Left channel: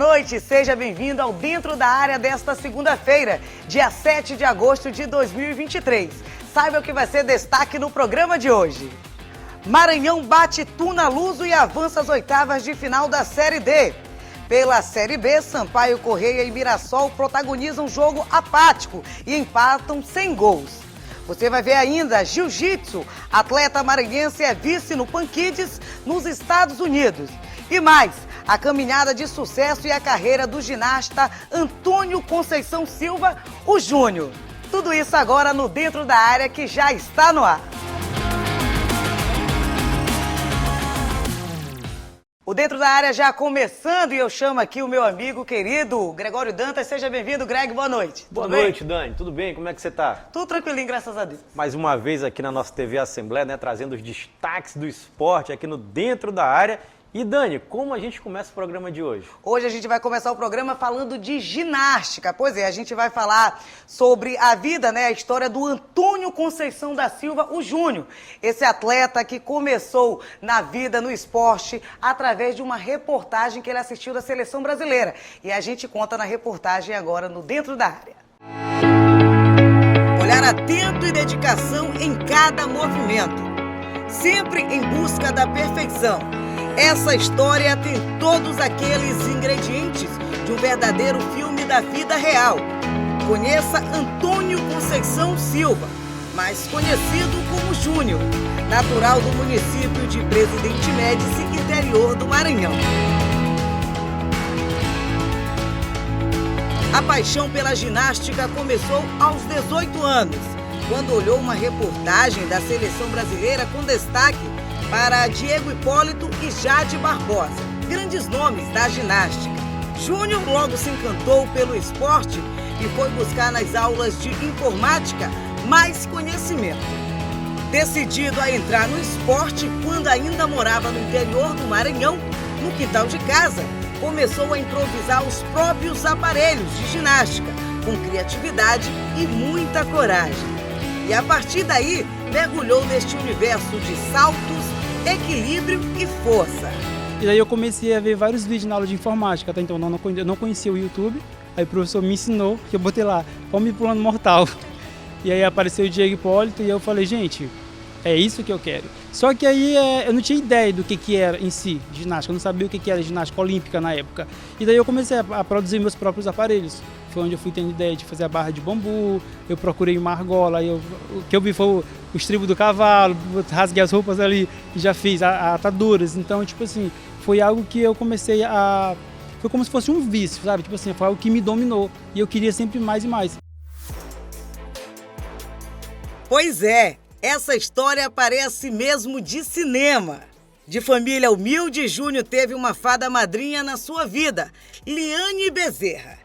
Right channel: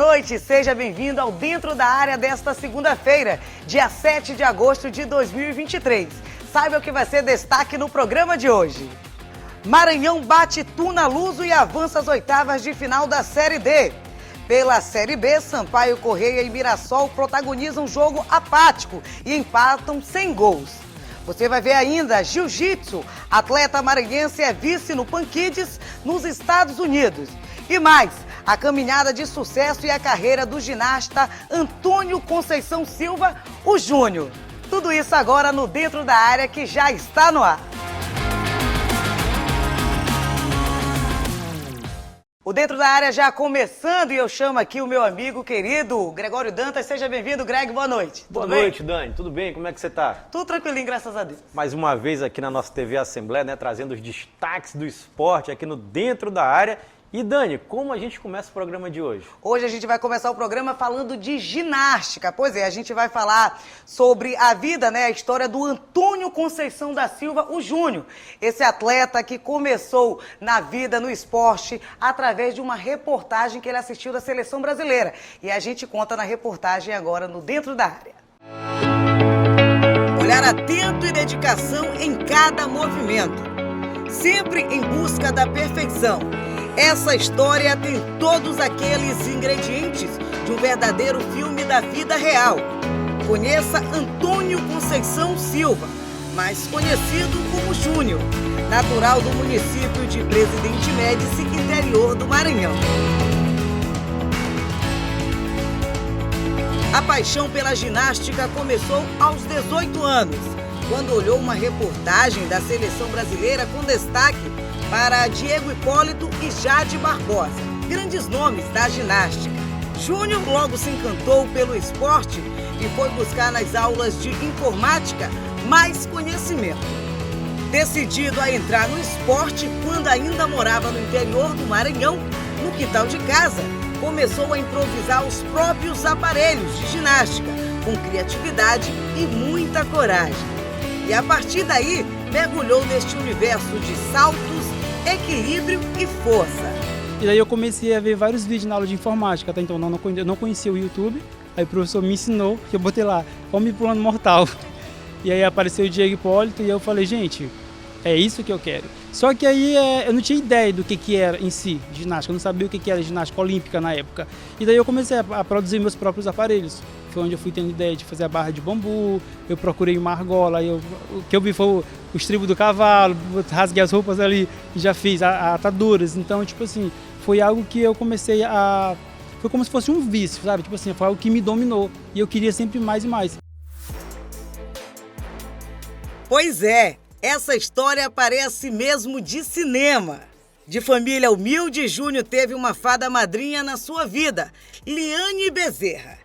noite, seja bem-vindo ao Dentro da Área desta segunda-feira, dia 7 de agosto de 2023. Saiba o que vai ser destaque no programa de hoje. Maranhão bate Tuna Luso e avança às oitavas de final da Série D. Pela Série B, Sampaio Correia e Mirassol protagonizam jogo apático e empatam sem gols. Você vai ver ainda Jiu-Jitsu, atleta maranhense é vice no Pan Kids nos Estados Unidos. E mais, a caminhada de sucesso e a carreira do ginasta Antônio Conceição Silva, o Júnior. Tudo isso agora no Dentro da Área, que já está no ar. O Dentro da Área já começando e eu chamo aqui o meu amigo querido Gregório Dantas. Seja bem-vindo, Greg, boa noite. Boa noite, Dani. Tudo bem? Como é que você tá? Tudo tranquilinho, graças a Deus. Mais uma vez aqui na nossa TV Assembleia, né, trazendo os destaques do esporte aqui no Dentro da Área. E Dani, como a gente começa o programa de hoje? Hoje a gente vai começar o programa falando de ginástica. Pois é, a gente vai falar sobre a vida, né, a história do Antônio Conceição da Silva, o Júnior. Esse atleta que começou na vida, no esporte, através de uma reportagem que ele assistiu da Seleção Brasileira. E a gente conta na reportagem agora no Dentro da Área. Olhar atento e dedicação em cada movimento. Sempre em busca da perfeição. Essa história tem todos aqueles ingredientes de um verdadeiro filme da vida real. Conheça Antônio Conceição Silva, mais conhecido como Júnior, natural do município de Presidente Médici, interior do Maranhão. A paixão pela ginástica começou aos 18 anos, quando olhou uma reportagem da Seleção Brasileira com destaque para Diego Hipólito e Jade Barbosa, grandes nomes da ginástica. Júnior logo se encantou pelo esporte e foi buscar nas aulas de informática mais conhecimento. Decidido a entrar no esporte quando ainda morava no interior do Maranhão, no quintal de casa, começou a improvisar os próprios aparelhos de ginástica, com criatividade e muita coragem. E a partir daí, mergulhou neste universo de saltos, equilíbrio e força. E daí eu comecei a ver vários vídeos na aula de informática, até então eu não conhecia o YouTube, aí o professor me ensinou, que eu botei lá, Homem Pulando Mortal. E aí apareceu o Diego Hipólito e eu falei, gente, é isso que eu quero. Só que aí eu não tinha ideia do que era em si ginástica, eu não sabia o que era ginástica olímpica na época. E daí eu comecei a produzir meus próprios aparelhos. Foi onde eu fui tendo ideia de fazer a barra de bambu, eu procurei uma argola, o que eu vi foi o estribo do cavalo, rasguei as roupas ali e já fiz ataduras. Então, tipo assim, foi algo que eu comecei a... Foi como se fosse um vício, sabe? Tipo assim, foi algo que me dominou e eu queria sempre mais e mais. Pois é, essa história parece mesmo de cinema. De família humilde, Júnior teve uma fada madrinha na sua vida, Liane Bezerra.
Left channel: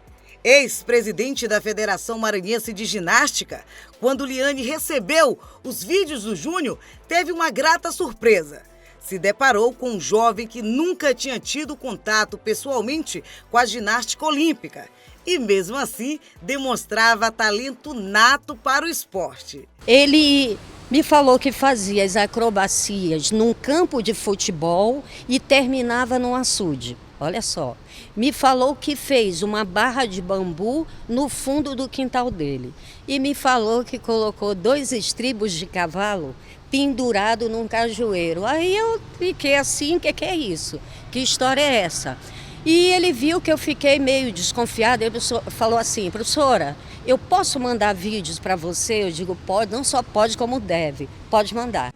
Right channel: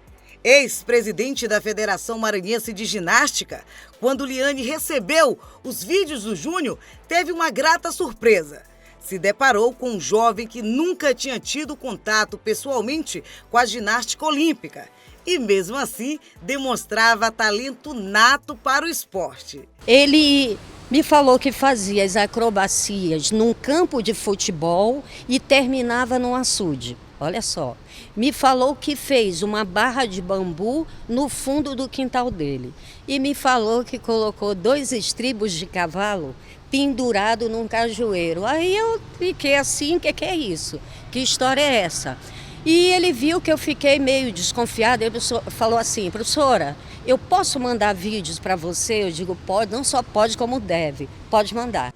Ex-presidente da Federação Maranhense de Ginástica, quando Liane recebeu os vídeos do Júnior, teve uma grata surpresa. Se deparou com um jovem que nunca tinha tido contato pessoalmente com a ginástica olímpica e, mesmo assim, demonstrava talento nato para o esporte. Ele me falou que fazia as acrobacias num campo de futebol e terminava num açude. Olha só, me falou que fez uma barra de bambu no fundo do quintal dele e me falou que colocou 2 estribos de cavalo pendurado num cajueiro. Aí eu fiquei assim, o que é isso? Que história é essa? E ele viu que eu fiquei meio desconfiada, ele falou assim, professora, eu posso mandar vídeos para você? Eu digo, pode, não só pode como deve, pode mandar.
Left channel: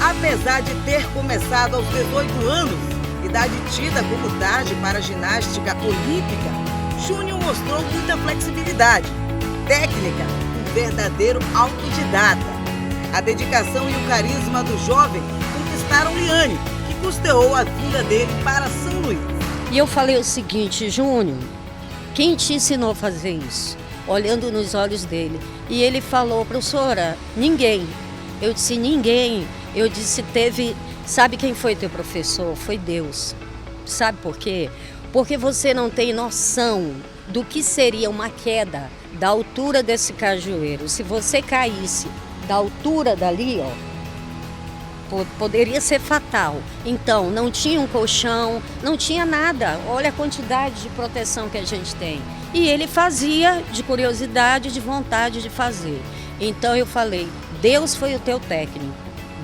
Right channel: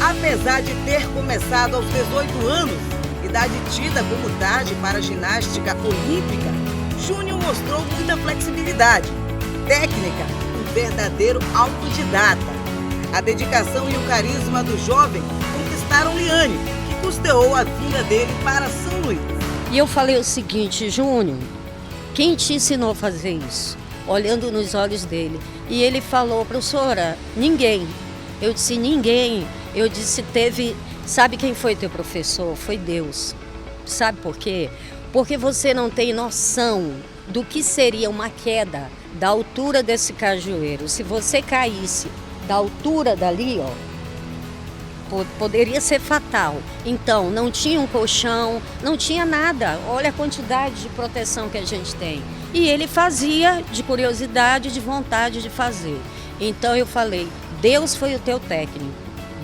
Apesar de ter começado aos 18 anos, idade tida como tarde para a ginástica olímpica, Júnior mostrou muita flexibilidade, técnica, um verdadeiro autodidata. A dedicação e o carisma do jovem conquistaram Liane, que custeou a vinda dele para São Luís. E eu falei o seguinte, Júnior, quem te ensinou a fazer isso? Olhando nos olhos dele. E ele falou, professora, ninguém. Eu disse, ninguém. Eu disse, teve... Sabe quem foi teu professor? Foi Deus. Sabe por quê? Porque você não tem noção do que seria uma queda da altura desse cajueiro. Se você caísse da altura dali, ó, poderia ser fatal. Então, não tinha um colchão, não tinha nada. Olha a quantidade de proteção que a gente tem. E ele fazia de curiosidade, de vontade de fazer. Então eu falei, Deus foi o teu técnico.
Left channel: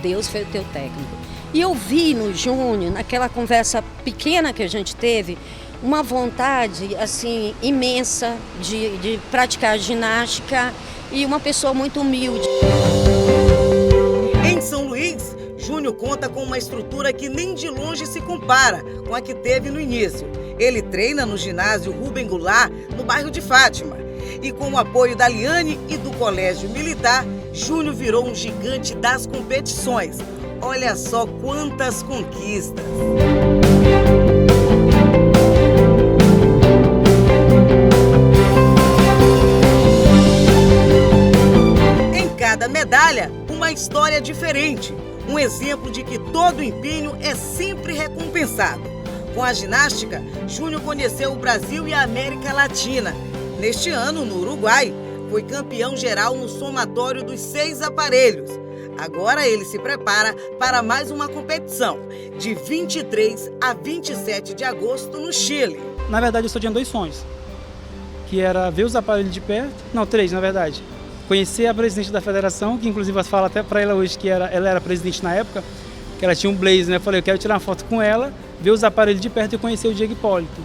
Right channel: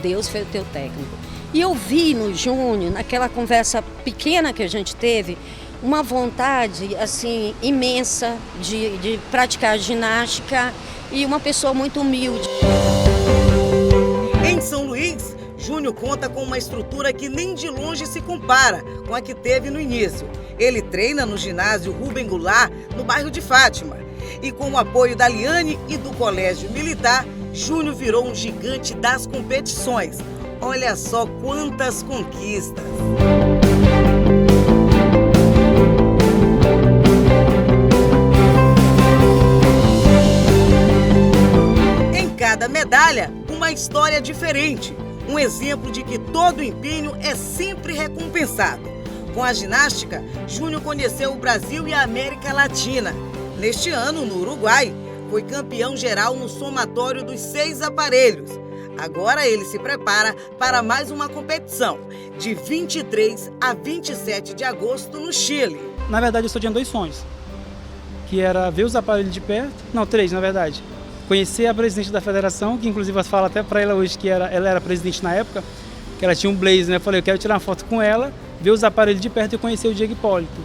Deus foi o teu técnico. E eu vi no Júnior, naquela conversa pequena que a gente teve, uma vontade assim imensa de praticar ginástica e uma pessoa muito humilde. Em São Luís, Júnior conta com uma estrutura que nem de longe se compara com a que teve no início. Ele treina no ginásio Rubem Goulart, no bairro de Fátima. E com o apoio da Liane e do Colégio Militar, Júnior virou um gigante das competições. Olha só quantas conquistas! Em cada medalha, uma história diferente. Um exemplo de que todo empenho é sempre recompensado. Com a ginástica, Júnior conheceu o Brasil e a América Latina. Neste ano, no Uruguai, foi campeão geral no somatório dos 6 aparelhos. Agora ele se prepara para mais uma competição, de 23 a 27 de agosto no Chile. Na verdade, eu só tinha 2 sonhos, que era ver os aparelhos de perto, não, 3 na verdade. Conhecer a presidente da federação, que inclusive eu falo até para ela hoje que ela era presidente na época, que ela tinha um blazer, né? Eu falei, eu quero tirar uma foto com ela, ver os aparelhos de perto e conhecer o Diego Hipólito.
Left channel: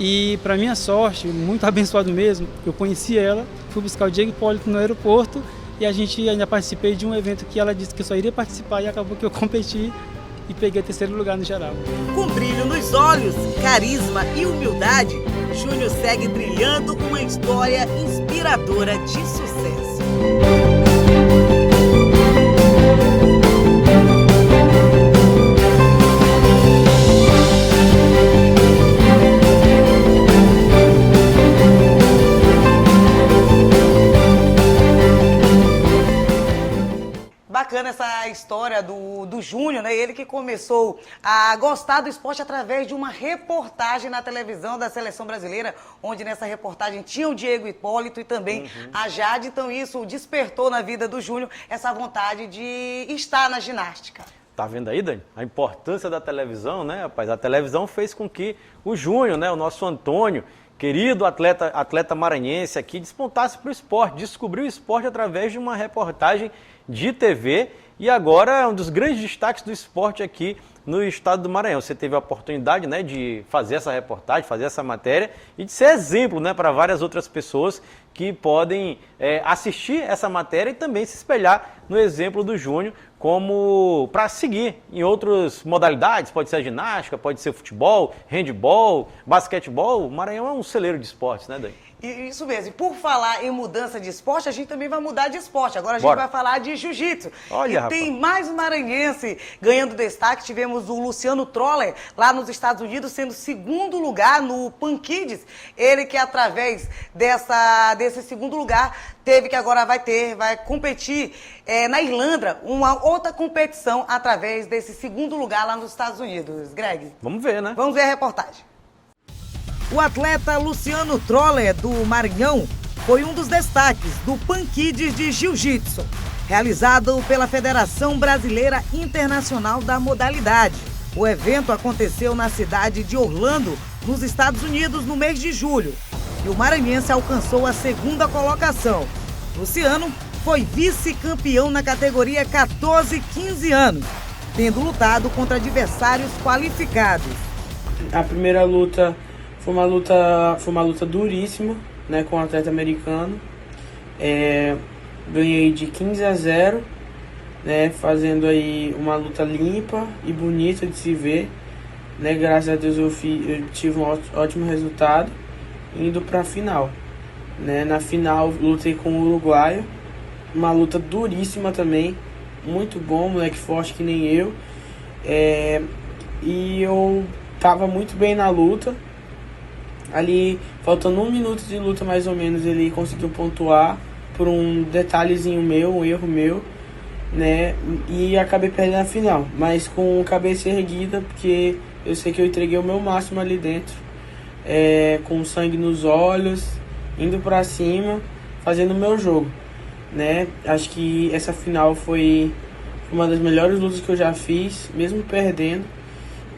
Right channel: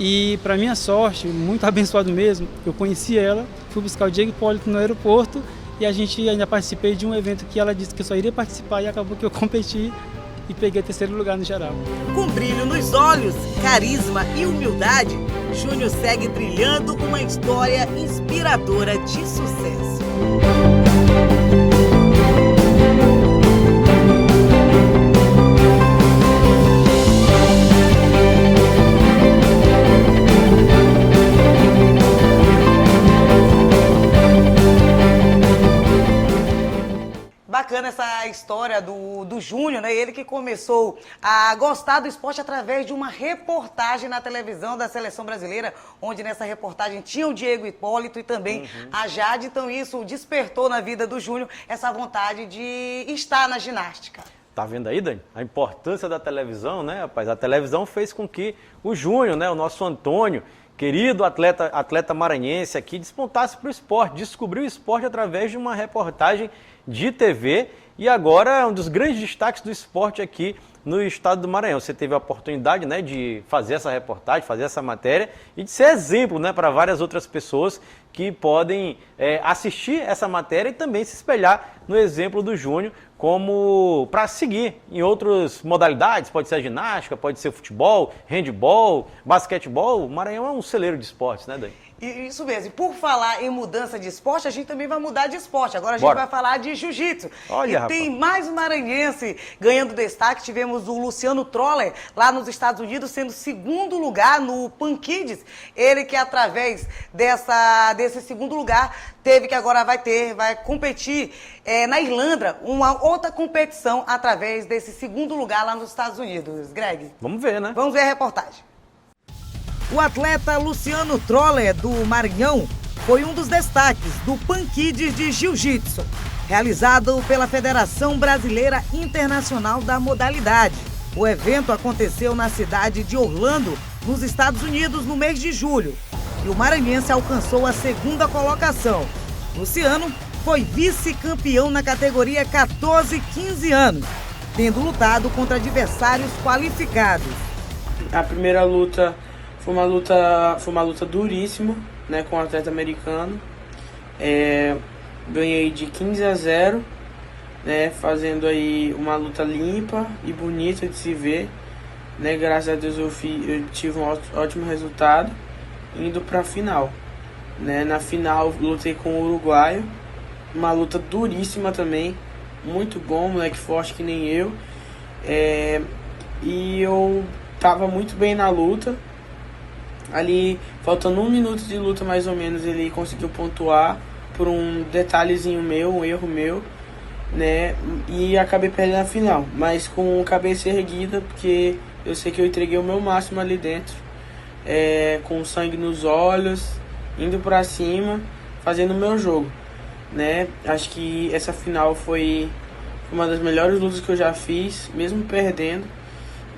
E para minha sorte, muito abençoado mesmo, eu conheci ela, fui buscar o Diego Hipólito no aeroporto e a gente ainda participei de um evento que ela disse que eu só iria participar e acabou que eu competi e peguei 3º lugar no geral. Com brilho nos olhos, carisma e humildade, Júnior segue trilhando uma história inspiradora de sucesso. Bacana essa história do Júnior, né? Ele que começou a gostar do esporte através de uma reportagem na televisão da Seleção Brasileira, onde nessa reportagem tinha o Diego Hipólito e também a Jade. Então isso despertou na vida do Júnior essa vontade de estar na ginástica. Tá vendo aí, Dani? A importância da televisão, né, rapaz? A televisão fez com que o Júnior, né, o nosso Antônio, querido atleta maranhense aqui, despontasse para o esporte, descobriu o esporte através de uma reportagem de TV e agora é um dos grandes destaques do esporte aqui no estado do Maranhão. Você teve a oportunidade, né, de fazer essa reportagem, fazer essa matéria e de ser exemplo, né, para várias outras pessoas que podem assistir essa matéria e também se espelhar no exemplo do Júnior como para seguir em outras modalidades, pode ser a ginástica, pode ser futebol, handebol, basquetebol. O Maranhão é um celeiro de esportes, né, Dani? Isso mesmo. E por falar em mudança de esporte, a gente também vai mudar de esporte. Agora a gente vai falar de jiu-jitsu. Olha, e tem mais um maranhense ganhando destaque. Tivemos o Luciano Troller, lá nos Estados Unidos, sendo 2º lugar no Pan Kids. Ele que através desse 2º lugar, teve que agora vai competir na Irlanda, uma outra competição através desse 2º lugar lá nos Estados Unidos. Greg? Vamos ver, né? Vamos ver a reportagem. O atleta Luciano Troller, do Maranhão, foi um dos destaques do Pan Kids de Jiu-Jitsu, realizado pela Federação Brasileira Internacional da Modalidade. O evento aconteceu na cidade de Orlando, nos Estados Unidos, no mês de julho. E o maranhense alcançou a 2ª colocação. Luciano foi vice-campeão na categoria 14-15 anos, tendo lutado contra adversários qualificados. A primeira luta foi uma luta duríssima, né, com um atleta americano. Ganhei de 15-0, né, fazendo aí uma luta limpa e bonita de se ver, né. Graças a Deus eu tive um ótimo resultado, indo para a final, né. Na final lutei com o uruguaio, uma luta duríssima também, muito bom, moleque forte que nem eu, e eu tava muito bem na luta. Ali, faltando 1 minuto de luta mais ou menos, ele conseguiu pontuar por um detalhezinho meu, um erro meu, né? E acabei perdendo a final, mas com a cabeça erguida, porque eu sei que eu entreguei o meu máximo ali dentro, com sangue nos olhos, indo pra cima, fazendo o meu jogo, né? Acho que essa final foi Foi uma das melhores lutas que eu já fiz, mesmo perdendo.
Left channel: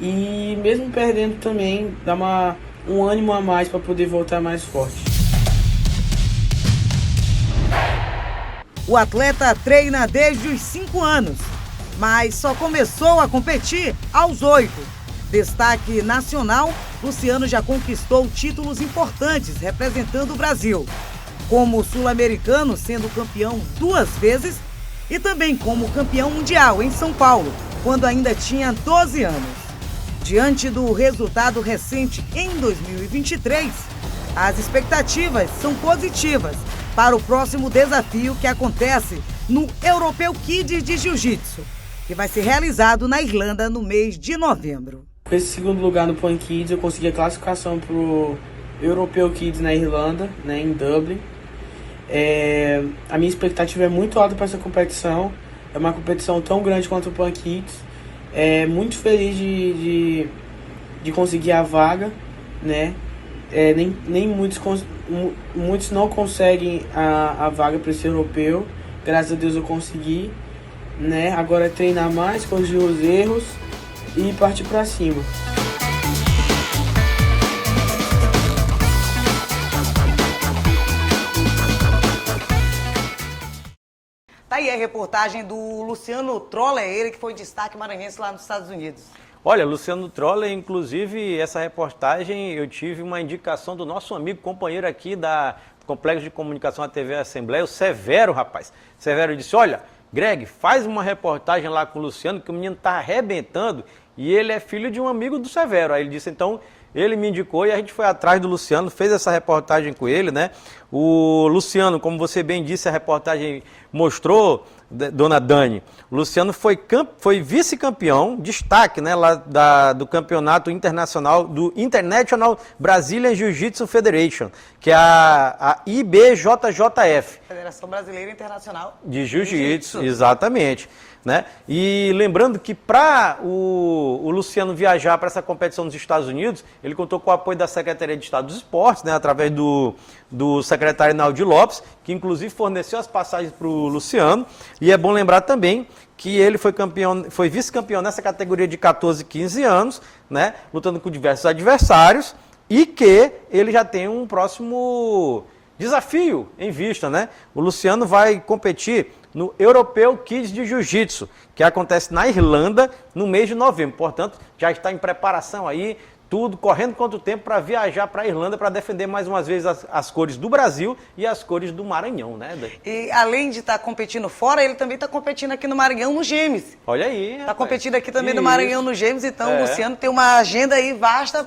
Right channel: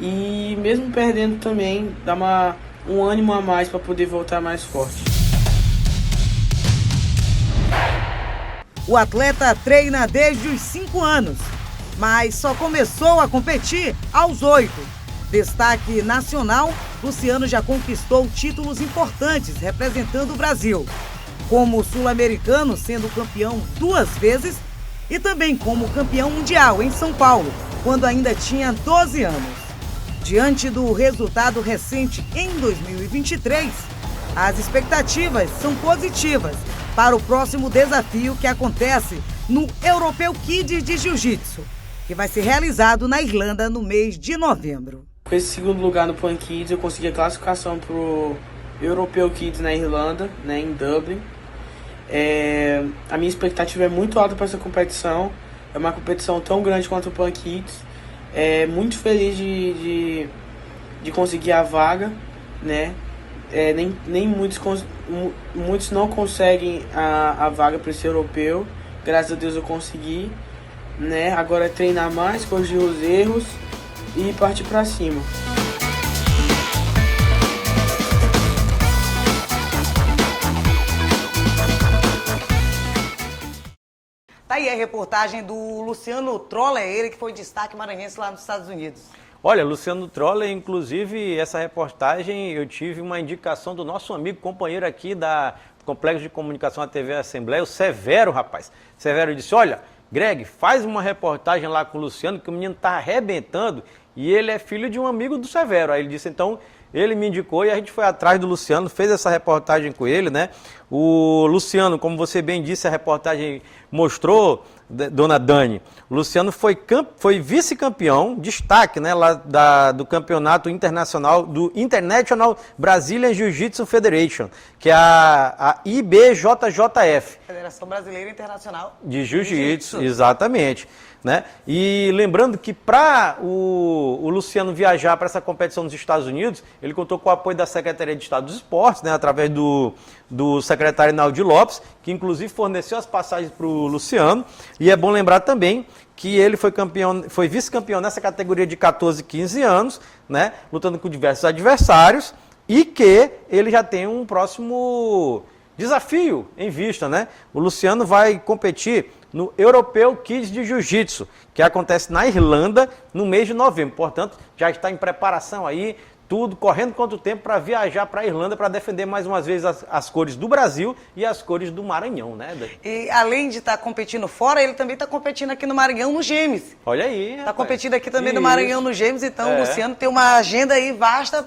E mesmo perdendo também, dá um ânimo a mais para poder voltar mais forte. O atleta treina desde os 5 anos, mas só começou a competir aos 8. Destaque nacional, Luciano já conquistou títulos importantes representando o Brasil, como sul-americano, sendo campeão 2 vezes, e também como campeão mundial em São Paulo, quando ainda tinha 12 anos. Diante do resultado recente em 2023, as expectativas são positivas para o próximo desafio que acontece no Europeu Kids de Jiu-Jitsu, que vai ser realizado na Irlanda no mês de novembro. Com esse segundo lugar no Pan Kids, eu consegui a classificação para o Europeu Kids na Irlanda, né, em Dublin. A minha expectativa é muito alta para essa competição. É uma competição tão grande quanto o Pan Kids. Muito feliz de conseguir a vaga, né? Nem muitos não conseguem a vaga para esse europeu. Graças a Deus eu consegui, né? Agora é treinar mais, corrigir os erros e partir para cima. Tá aí a reportagem do Luciano Troller, ele que foi destaque maranhense lá nos Estados Unidos. Olha, Luciano Troller, inclusive, essa reportagem eu tive uma indicação do nosso amigo, companheiro aqui do Complexo de Comunicação da TV Assembleia, o Severo, rapaz. Severo disse, olha, Greg, faz uma reportagem lá com o Luciano, que o menino tá arrebentando, e ele é filho de um amigo do Severo. Aí ele disse, então, ele me indicou e a gente foi atrás do Luciano, fez essa reportagem com ele, né? O Luciano, como você bem disse, a reportagem mostrou, dona Dani, o Luciano foi vice-campeão, destaque, né, lá do campeonato internacional, do International Brazilian Jiu-Jitsu Federation, que é a IBJJF. Federação Brasileira Internacional de Jiu-Jitsu, exatamente. Né? E lembrando que para o Luciano viajar para essa competição nos Estados Unidos, ele contou com o apoio da Secretaria de Estado dos Esportes, né, através do secretário Naldi Lopes, que inclusive forneceu as passagens para o Luciano. E é bom lembrar também que ele foi vice-campeão nessa categoria de 14 e 15 anos, né, lutando com diversos adversários, e que ele já tem um próximo desafio em vista, né? O Luciano vai competir no Europeu Kids de Jiu-Jitsu, que acontece na Irlanda no mês de novembro. Portanto, já está em preparação aí, tudo correndo contra o tempo para viajar para a Irlanda para defender mais uma vez as cores do Brasil e as cores do Maranhão, né? E além de estar competindo fora, ele também está competindo aqui no Maranhão no Gêmeos. Olha aí. Está competindo aqui também no Maranhão no Gêmeos, então o Luciano tem uma agenda aí vasta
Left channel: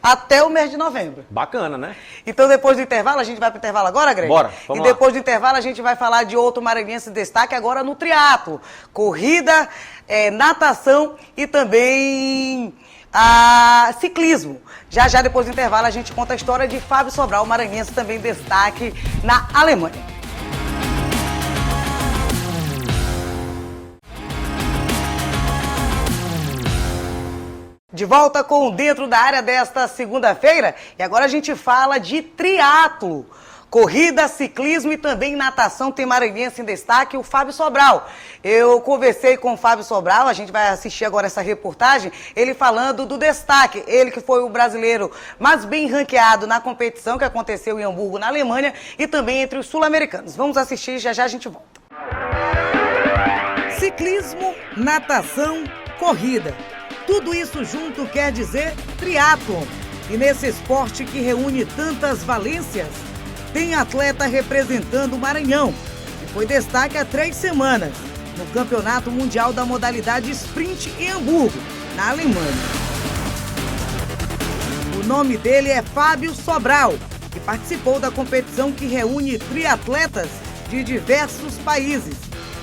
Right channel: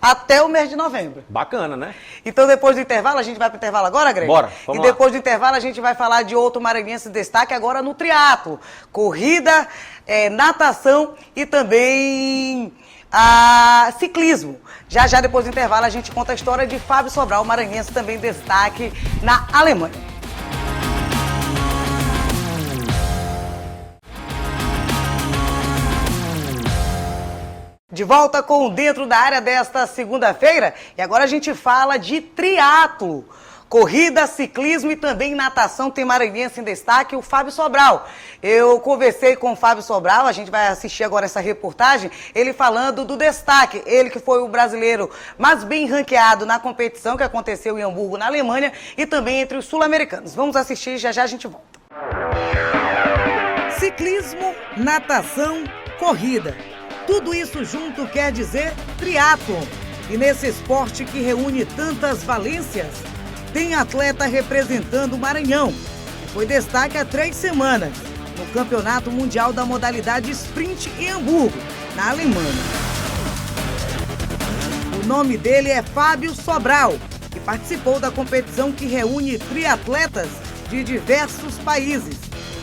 até o mês de novembro. Bacana, né? Então depois do intervalo, a gente vai para o intervalo agora, Greg? Bora, vamos lá. Depois do intervalo a gente vai falar de outro maranhense de destaque agora no triatlo. Corrida, natação e também ciclismo. Já depois do intervalo a gente conta a história de Fábio Sobral, maranhense também destaque na Alemanha. De volta com Dentro da Área desta segunda-feira, e agora a gente fala de triatlo. Corrida, ciclismo e também natação, tem maranhense em destaque, o Fábio Sobral. Eu conversei com o Fábio Sobral, a gente vai assistir agora essa reportagem, ele falando do destaque, ele que foi o brasileiro mais bem ranqueado na competição que aconteceu em Hamburgo, na Alemanha, e também entre os sul-americanos. Vamos assistir, já a gente volta. Ciclismo, natação, corrida. Tudo isso junto quer dizer triatlon. E nesse esporte que reúne tantas valências, tem atleta representando o Maranhão, que foi destaque há 3 semanas, no Campeonato Mundial da modalidade Sprint em Hamburgo, na Alemanha. O nome dele é Fábio Sobral, que participou da competição que reúne triatletas de diversos países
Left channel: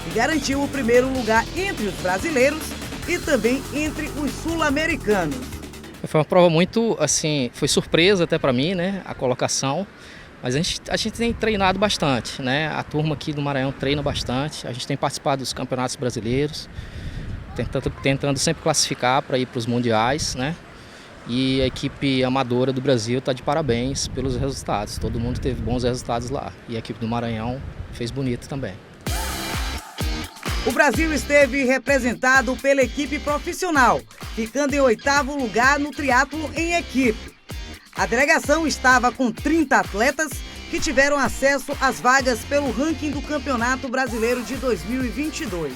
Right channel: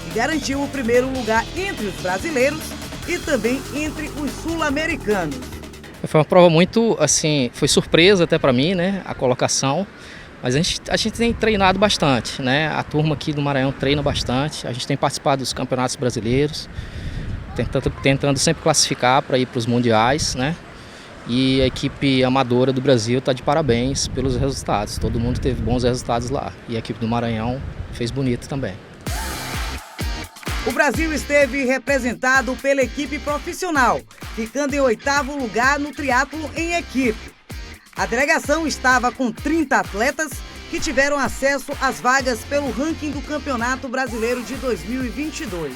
e garantiu o primeiro lugar entre os brasileiros e também entre os sul-americanos. Foi uma prova muito, assim, foi surpresa até para mim, né, a colocação. Mas a gente tem treinado bastante, né? A turma aqui do Maranhão treina bastante. A gente tem participado dos campeonatos brasileiros, tentando sempre classificar para ir para os mundiais, né? E a equipe amadora do Brasil está de parabéns pelos resultados. Todo mundo teve bons resultados lá. E a equipe do Maranhão fez bonito também. O Brasil esteve representado pela equipe profissional, ficando em 8º lugar no triatlo em equipe. A delegação estava com 30 atletas que tiveram acesso às vagas pelo ranking do Campeonato Brasileiro de 2022.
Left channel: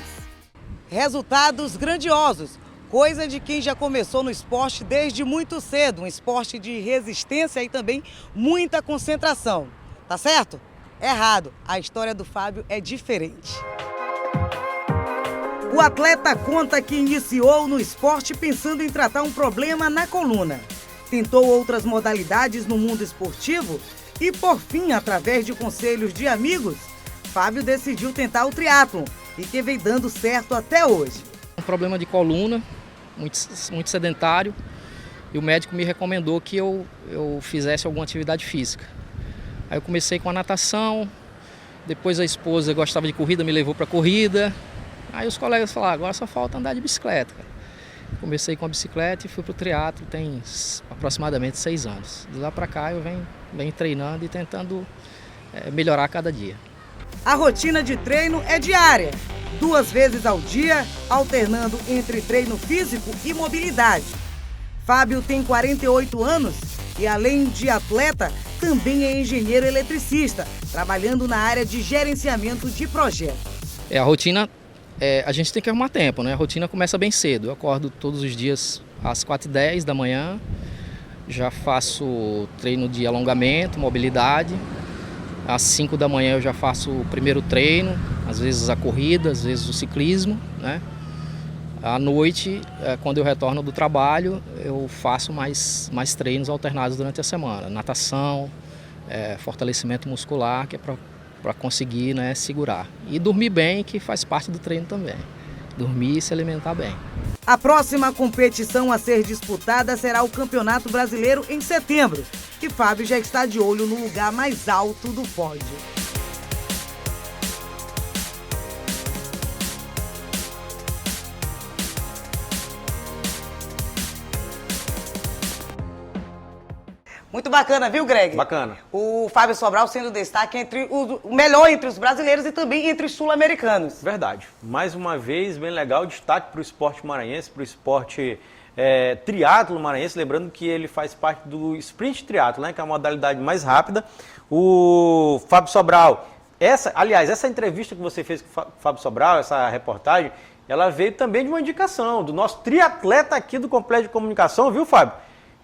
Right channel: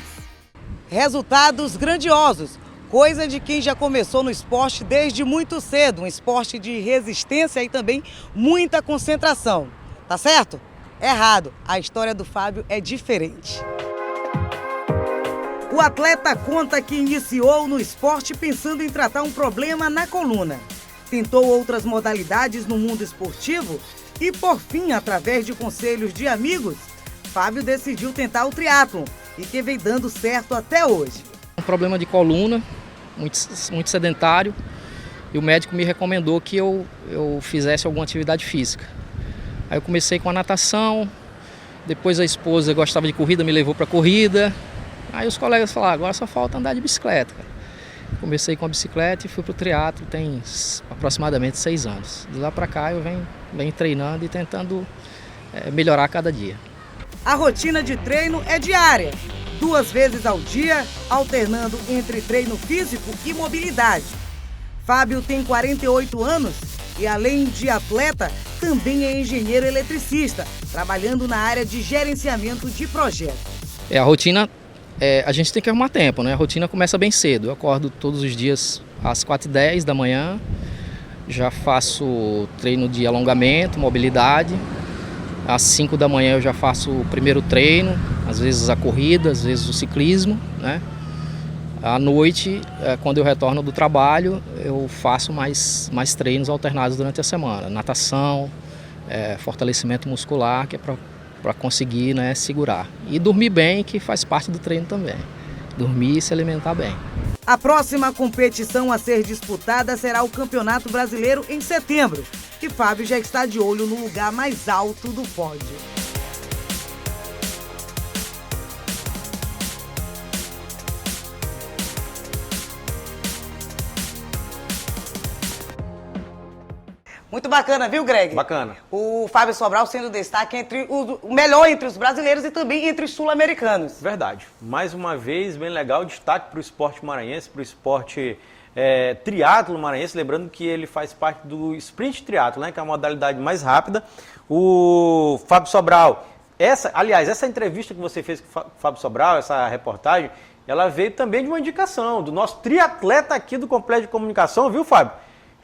Resultados grandiosos, coisa de quem já começou no esporte desde muito cedo, um esporte de resistência e também muita concentração. Tá certo? Errado, a história do Fábio é diferente. O atleta conta que iniciou no esporte pensando em tratar um problema na coluna. Tentou outras modalidades no mundo esportivo e, por fim, através de conselhos de amigos, Fábio decidiu tentar o triatlon e que vem dando certo até hoje. Um problema de coluna, muito sedentário, e o médico me recomendou que eu fizesse alguma atividade física. Aí eu comecei com a natação, depois a esposa gostava de corrida, me levou para corrida. Aí os colegas falaram, agora só falta andar de bicicleta. Comecei com a bicicleta e fui para o triatlo tem aproximadamente 6 anos. De lá para cá eu venho treinando e tentando melhorar cada dia. A rotina de treino é diária, 2 vezes ao dia, alternando entre treino físico e mobilidade. Fábio tem 48 anos e, além de atleta, também é engenheiro eletricista, trabalhando na área de gerenciamento de projetos. A rotina... a gente tem que arrumar tempo, né? A rotina começa bem cedo. Eu acordo todos os dias às 4h10 da manhã, já faço treino de alongamento, mobilidade. Às 5 da manhã eu já faço o primeiro treino, às vezes a corrida, às vezes o ciclismo, né? À noite, quando eu retorno do trabalho, eu faço mais treinos alternados durante a semana. Natação, fortalecimento muscular, que é para conseguir, né, segurar. E dormir bem, que faz parte do treino também. Dormir e se alimentar bem. A próxima competição a ser disputada será o Campeonato Brasileiro em setembro. E Fábio já está de olho no lugar mais alto do pódio. Muito bacana, viu, Greg? Bacana. O Fábio Sobral sendo destaque entre o melhor entre os brasileiros e também entre os sul-americanos. Verdade. Mais uma vez, bem legal, destaque para o esporte maranhense, para o esporte triatlo maranhense. Lembrando que ele faz parte do sprint triatlo, né, que é a modalidade mais rápida. O Fábio Sobral, essa entrevista que você fez com o Fábio Sobral, essa reportagem, ela veio também de uma indicação do nosso triatleta aqui do Complexo de Comunicação, viu, Fábio?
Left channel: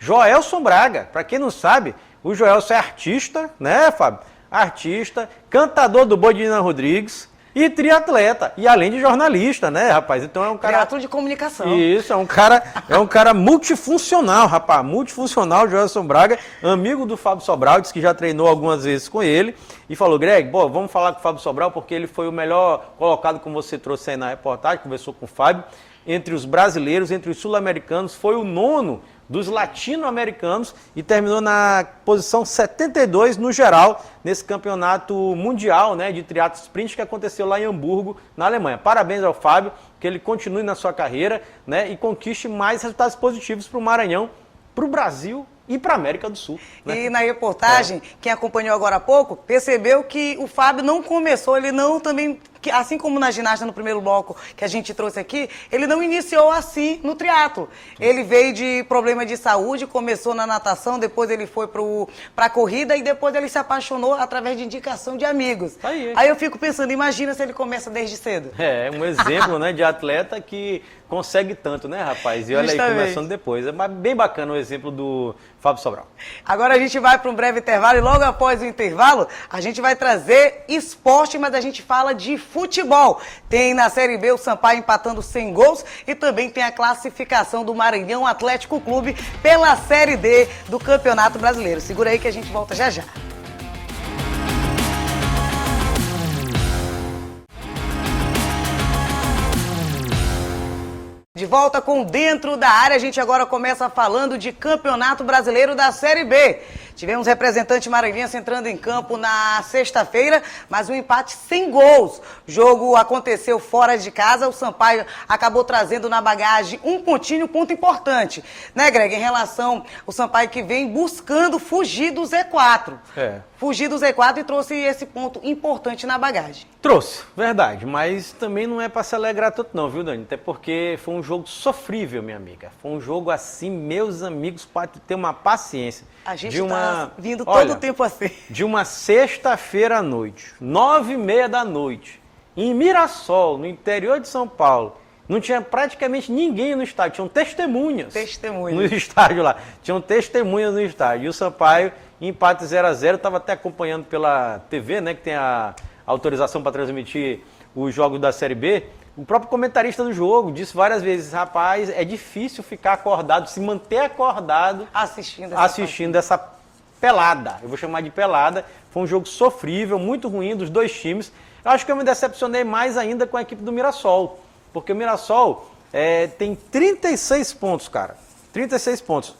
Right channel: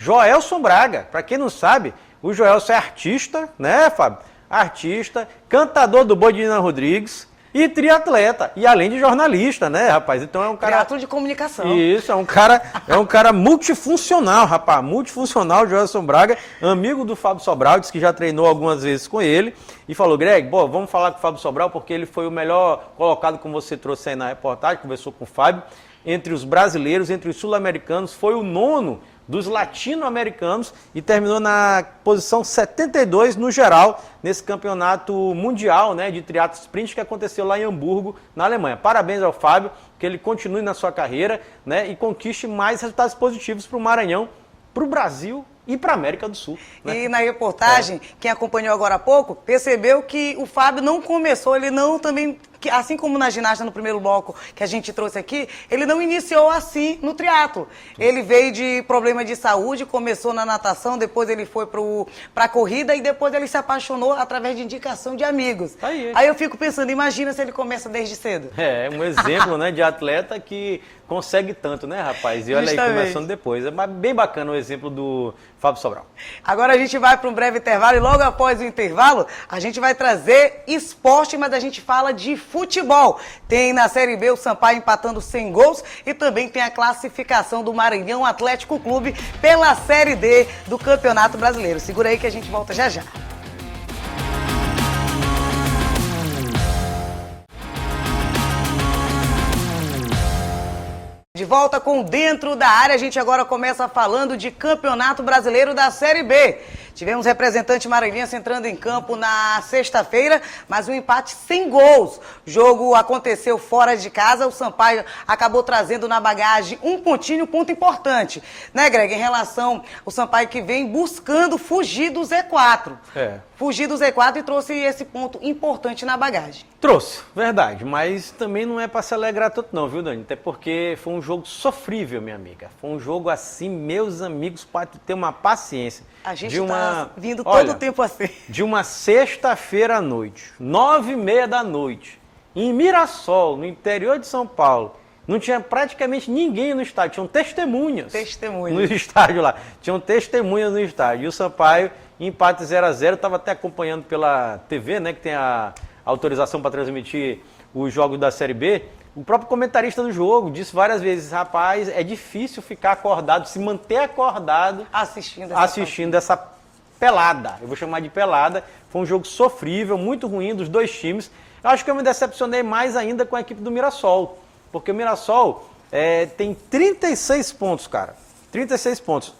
Joelson Braga. Para quem não sabe, o Joelson é artista, né, Fábio? Artista, cantador do Boi de Nina Rodrigues e triatleta. E além de jornalista, né, rapaz? Então é um cara... Triatlo de comunicação. Isso, é um cara multifuncional, rapaz. Multifuncional, Joelson Braga, amigo do Fábio Sobral, disse que já treinou algumas vezes com ele. E falou, Greg, vamos falar com o Fábio Sobral, porque ele foi o melhor colocado, como você trouxe aí na reportagem, conversou com o Fábio. Entre os brasileiros, entre os sul-americanos, foi o 9º dos latino-americanos e terminou na posição 72 no geral, nesse campeonato mundial, né, de triatlo sprint que aconteceu lá em Hamburgo, na Alemanha. Parabéns ao Fábio, que ele continue na sua carreira, né, e conquiste mais resultados positivos para o Maranhão, para o Brasil e para a América do Sul. Né? E na reportagem, quem acompanhou agora há pouco, percebeu que o Fábio não começou, ele não também, assim como na ginástica no primeiro bloco que a gente trouxe aqui, ele não iniciou assim no triatlo. Ele veio de problema de saúde, começou na natação, depois ele foi para a corrida e depois ele se apaixonou através de indicação de amigos. Aí eu fico pensando, imagina se ele começa desde cedo. É um exemplo, né, de atleta que consegue tanto, né, rapaz? E olha aí, começando depois. É bem bacana o exemplo do Fábio Sobral. Agora a gente vai para um breve intervalo e logo após o intervalo a gente vai trazer esporte, mas a gente fala de futebol. Tem na Série B o Sampaio empatando 100 gols e também tem a classificação do Maranhão Atlético Clube pela Série D do Campeonato Brasileiro. Segura aí que a gente volta já já. De volta com Dentro da Área, a gente agora começa falando de Campeonato Brasileiro da Série B. Tivemos representante maranhense entrando em campo na sexta-feira, mas um empate sem gols. O jogo aconteceu fora de casa, o Sampaio acabou trazendo na bagagem um ponto importante, né, Greg? Em relação ao Sampaio que vem buscando fugir do Z4. Fugir do Z4 e trouxe esse ponto importante na bagagem. Trouxe, verdade, mas também não é para se alegrar tanto não, viu, Dani? Até porque foi um jogo sofrível, minha amiga. Foi um jogo assim, meus amigos, para ter uma paciência. A gente está vindo todo o tempo assim. De uma sexta-feira à noite, 9h30 da noite, em Mirassol, no interior de São Paulo, não tinha praticamente ninguém no estádio, tinham testemunhas. No estádio lá, tinham testemunhas no estádio. E o Sampaio, empate 0x0, estava até acompanhando pela TV, né, que tem a autorização para transmitir os jogos da Série B. O próprio comentarista do jogo disse várias vezes, rapaz, é difícil ficar acordado, se manter acordado assistindo essa pelada. Eu vou chamar de pelada. Foi um jogo sofrível, muito ruim dos dois times. Eu acho que eu me decepcionei mais ainda com a equipe do Mirassol. Porque o Mirassol tem 36 pontos, cara. 36 pontos.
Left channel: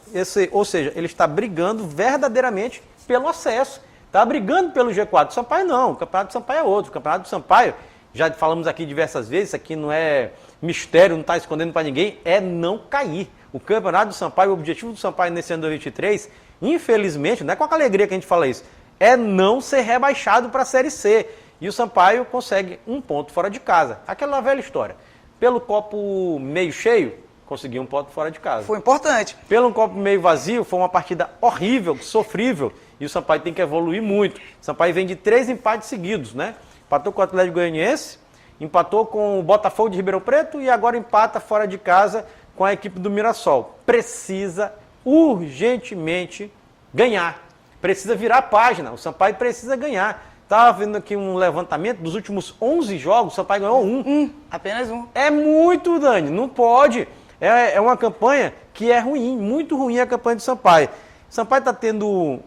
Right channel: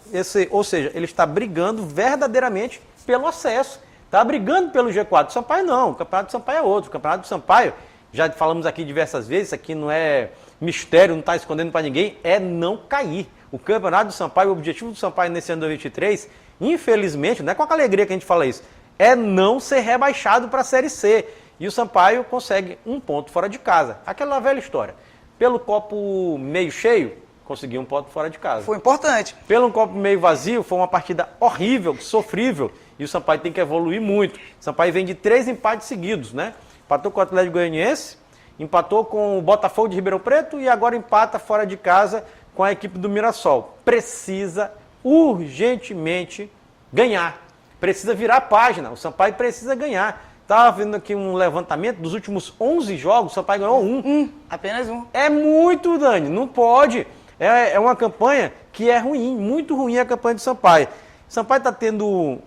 Ou seja, ele está brigando verdadeiramente pelo acesso. Está brigando pelo G4. O Sampaio não. O Campeonato do Sampaio é outro. O Campeonato do Sampaio, já falamos aqui diversas vezes, aqui não é mistério, não está escondendo para ninguém, é não cair. O Campeonato do Sampaio, o objetivo do Sampaio nesse ano 2023, infelizmente, não é com a alegria que a gente fala isso, é não ser rebaixado para a Série C. E o Sampaio consegue um ponto fora de casa. Aquela velha história. Pelo copo meio cheio, conseguiu um ponto fora de casa. Foi importante. Pelo copo meio vazio, foi uma partida horrível, sofrível. E o Sampaio tem que evoluir muito. O Sampaio vem de 3 empates seguidos, né? Empatou com o Atlético Goianiense, empatou com o Botafogo de Ribeirão Preto e agora empata fora de casa com a equipe do Mirassol. Precisa urgentemente ganhar. Precisa virar a página. O Sampaio precisa ganhar. Estava vendo aqui um levantamento dos últimos 11 jogos, o Sampaio ganhou um. Apenas um. É muito, Dani. Não pode. É uma campanha que é ruim, muito ruim a campanha do Sampaio. O Sampaio está tendo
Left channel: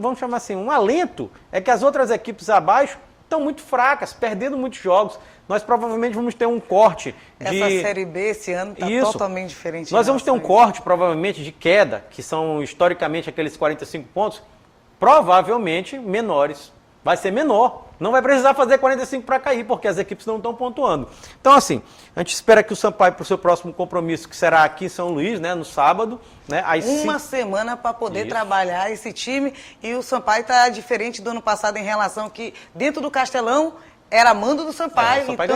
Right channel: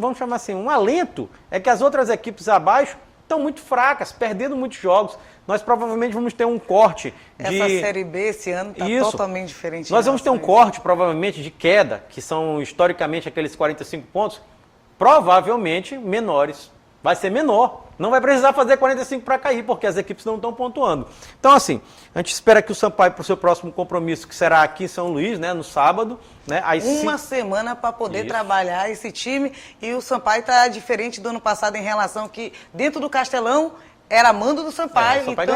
vamos chamar assim, um alento. É que as outras equipes abaixo estão muito fracas, perdendo muitos jogos. Nós provavelmente vamos ter um corte de... Essa Série B esse ano está totalmente diferente. Nós vamos ter um corte, provavelmente, de queda, que são historicamente aqueles 45 pontos, provavelmente menores. Vai ser menor. Não vai precisar fazer 45 para cair, porque as equipes não estão pontuando. Então, assim, a gente espera que o Sampaio, para o seu próximo compromisso, que será aqui em São Luís, né, no sábado... Né, uma semana para poder trabalhar esse time. E o Sampaio está diferente do ano passado em relação que, dentro do Castelão, era mando do Sampaio, o Sampaio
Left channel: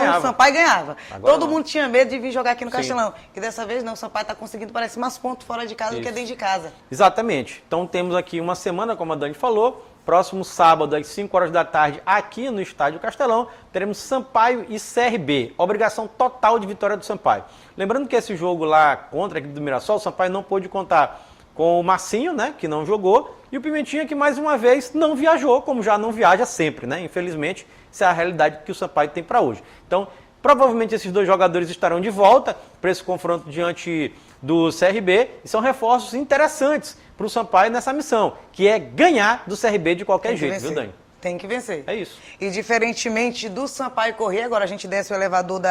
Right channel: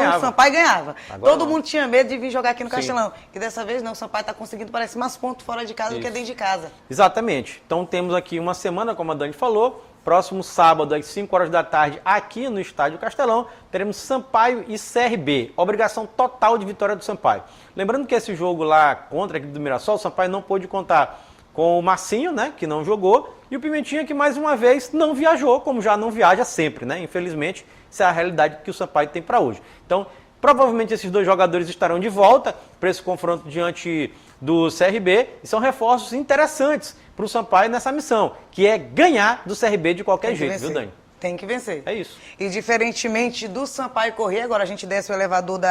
ganhava. Agora Todo mundo tinha medo de vir jogar aqui no Castelão. E dessa vez não, o Sampaio está conseguindo, parece, mais pontos fora de casa do que dentro de casa. Exatamente. Então temos aqui uma semana, como a Dani falou, próximo sábado, às 5 horas da tarde, aqui no Estádio Castelão, teremos Sampaio e CRB. Obrigação total de vitória do Sampaio. Lembrando que esse jogo lá contra a equipe do Mirassol, o Sampaio não pôde contar com o Marcinho, né, que não jogou, e o Pimentinha, que mais uma vez não viajou, como já não viaja sempre, né? Infelizmente, essa é a realidade que o Sampaio tem para hoje. Então, provavelmente esses dois jogadores estarão de volta para esse confronto diante do CRB, e são reforços interessantes para o Sampaio nessa missão, que é ganhar do CRB de qualquer jeito, viu, Dani? Tem que vencer. É isso. E diferentemente do Sampaio correr, agora a gente desce o elevador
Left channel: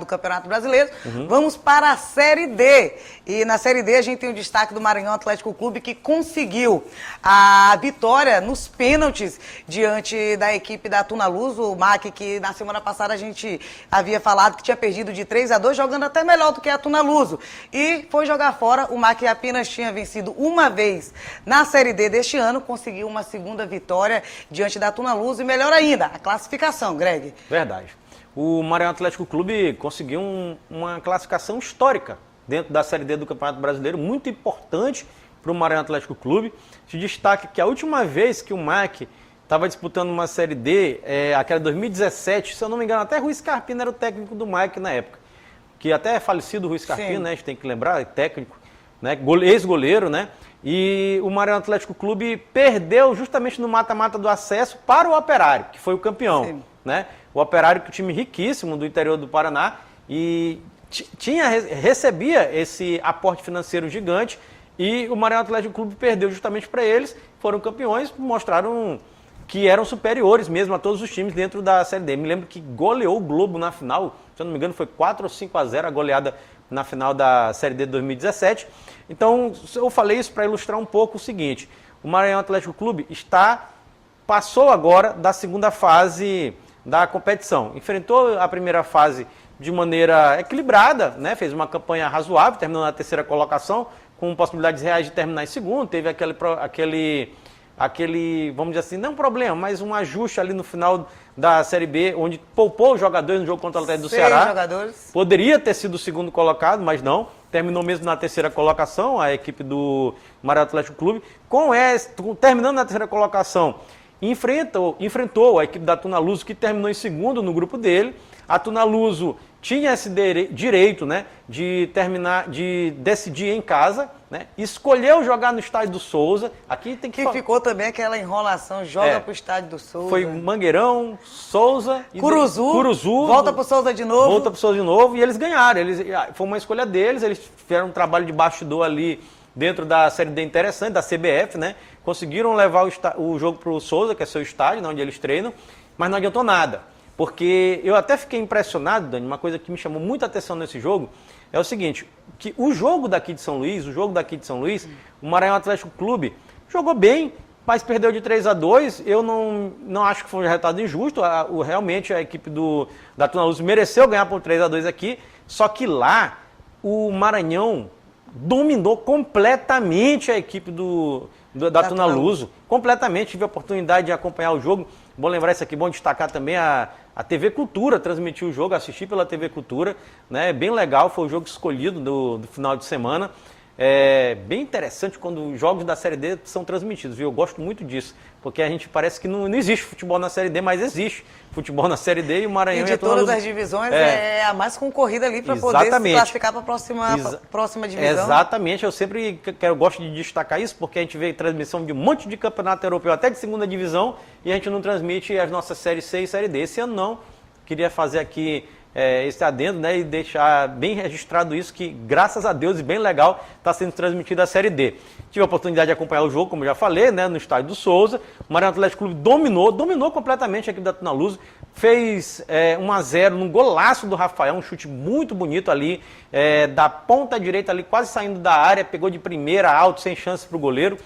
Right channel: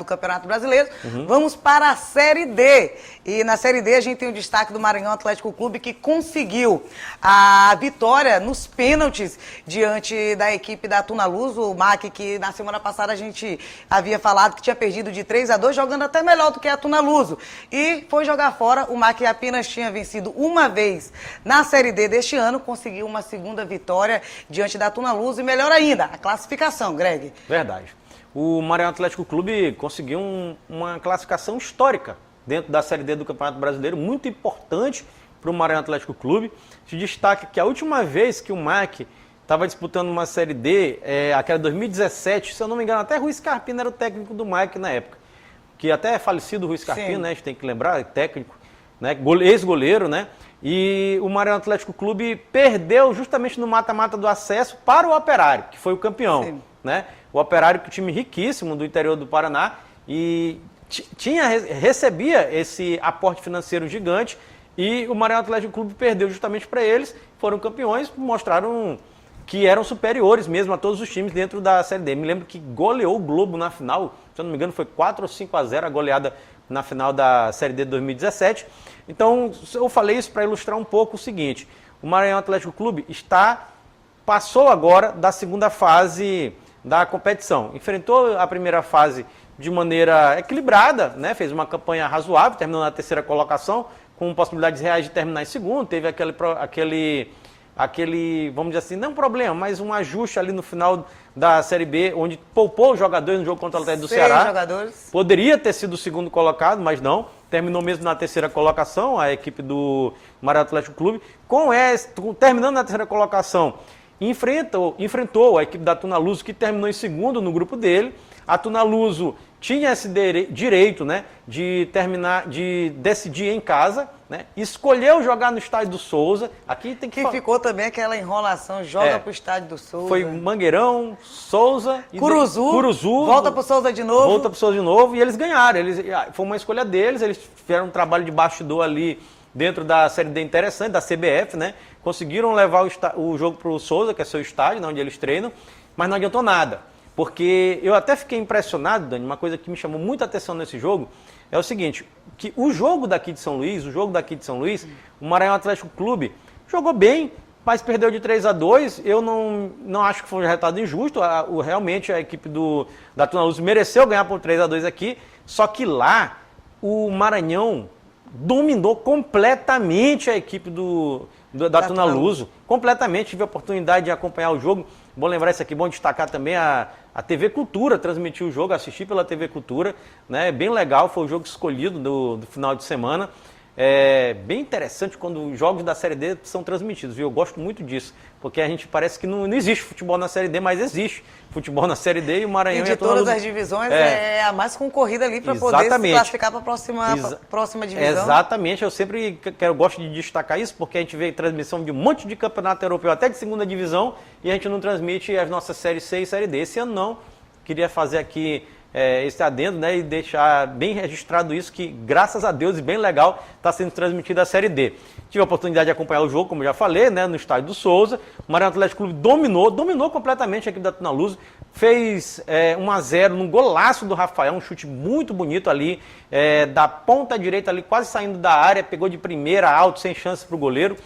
do Campeonato Brasileiro, vamos para a Série D. E na Série D a gente tem o destaque do Maranhão Atlético Clube, que conseguiu a vitória nos pênaltis diante da equipe da Tuna Luz, o MAC, que na semana passada a gente havia falado que tinha perdido de 3-2, jogando até melhor do que a Tuna Luz. E foi jogar fora, o MAC apenas tinha vencido uma vez na Série D deste ano, conseguiu uma segunda vitória diante da Tuna Luz e melhor ainda, a classificação, Greg. Verdade. O Maranhão Atlético Clube conseguiu uma classificação histórica dentro da Série D do Campeonato Brasileiro, muito importante para o Maranhão Atlético Clube. Se destaca que a última vez que o MAC estava disputando uma Série D, aquela 2017, se eu não me engano, até Rui Scarpino era o técnico do MAC na época, que até é falecido o Rui Scarpino, né, a gente tem que lembrar, é técnico, né, ex-goleiro, né? E o Maranhão Atlético Clube perdeu justamente no mata-mata do acesso para o Operário, que foi o campeão. Né? O Operário, que é um time riquíssimo do interior do Paraná, e recebia esse aporte financeiro gigante, e o Maranhão Atlético Clube perdeu justamente para eles, foram campeões, mostraram que eram superiores mesmo a todos os times dentro da Série D. Me lembro que goleou o Globo na final, se eu não me engano foi 4 ou 5-0 a goleada na final da Série D de 2017. Então, eu falei isso para ilustrar um pouco o seguinte: o Maranhão Atlético Clube passou agora da segunda fase da competição. Enfrentou a primeira fase de maneira equilibrada, né? Fez uma campanha razoável, terminou na terceira colocação, com possibilidades reais de terminar em segundo, teve aquele, vamos dizer assim, não um problema, mas um ajuste ali no final da Série B, onde poupou os jogadores no jogo contra o Atlético do Ceará. Jogadores. Poderia ter sido o segundo colocado, mas não. Terminou mesmo na terceira colocação, a equipe do Maranhão Atlético Clube. Terminando na terceira colocação, enfrentou a equipe da Tunaluso, que terminou em segundo no grupo dele. A Tunaluso tinha esse direito, né, de decidir em casa, né, escolheu jogar no estádio do Souza. Aqui tem que ficou também aquela enrolação, joga pro estádio do Souza. Foi Mangueirão, Souza e Curuzu, volta pro Souza de novo. E eles ganharam. Foi uma escolha deles, eles fizeram um trabalho de bastidor ali dentro da Série D interessante, da CBF, né? Conseguiram levar o jogo pro Souza, que é seu estádio, onde eles treinam, mas não adiantou nada. Porque eu até fiquei impressionado, Dani, uma coisa que me chamou muita atenção nesse jogo, é o seguinte, que o jogo daqui de São Luís, o Maranhão Atlético Clube jogou bem, mas perdeu de 3-2, eu não acho que foi um resultado injusto, realmente a equipe da Tunaluso mereceu ganhar por 3-2 aqui, só que lá o Maranhão dominou completamente a equipe da Tunaluso, completamente, tive a oportunidade de acompanhar o jogo. Bom lembrar isso aqui, bom destacar também a TV Cultura transmitiu o jogo, assisti pela TV Cultura, né? Bem legal, foi o jogo escolhido do final de semana. É bem interessante quando os jogos da Série D são transmitidos, viu? Eu gosto muito disso, porque a gente parece que não existe futebol na Série D, mas existe futebol na Série D e o Maranhão... E de todas as divisões é a mais concorrida ali para poder se classificar para a próxima divisão. Exatamente, eu gosto de destacar isso, porque a gente vê transmissão de um monte de campeonato europeu, até de segunda divisão, e a gente não transmite as nossas Série C e Série D. Esse ano não, queria fazer aqui esse adendo, né, e deixar bem registrado isso, que graças a Deus e bem legal está sendo transmitida a Série D. Tive a oportunidade de acompanhar o jogo, como já falei, né, no estádio do Souza. O Maranhão Atlético Clube dominou completamente a equipe da Tunaluso, fez 1-0 num golaço do Rafael, um chute muito bonito ali, da ponta direita ali, quase saindo da área, pegou de primeira, alto, sem chance para o goleiro.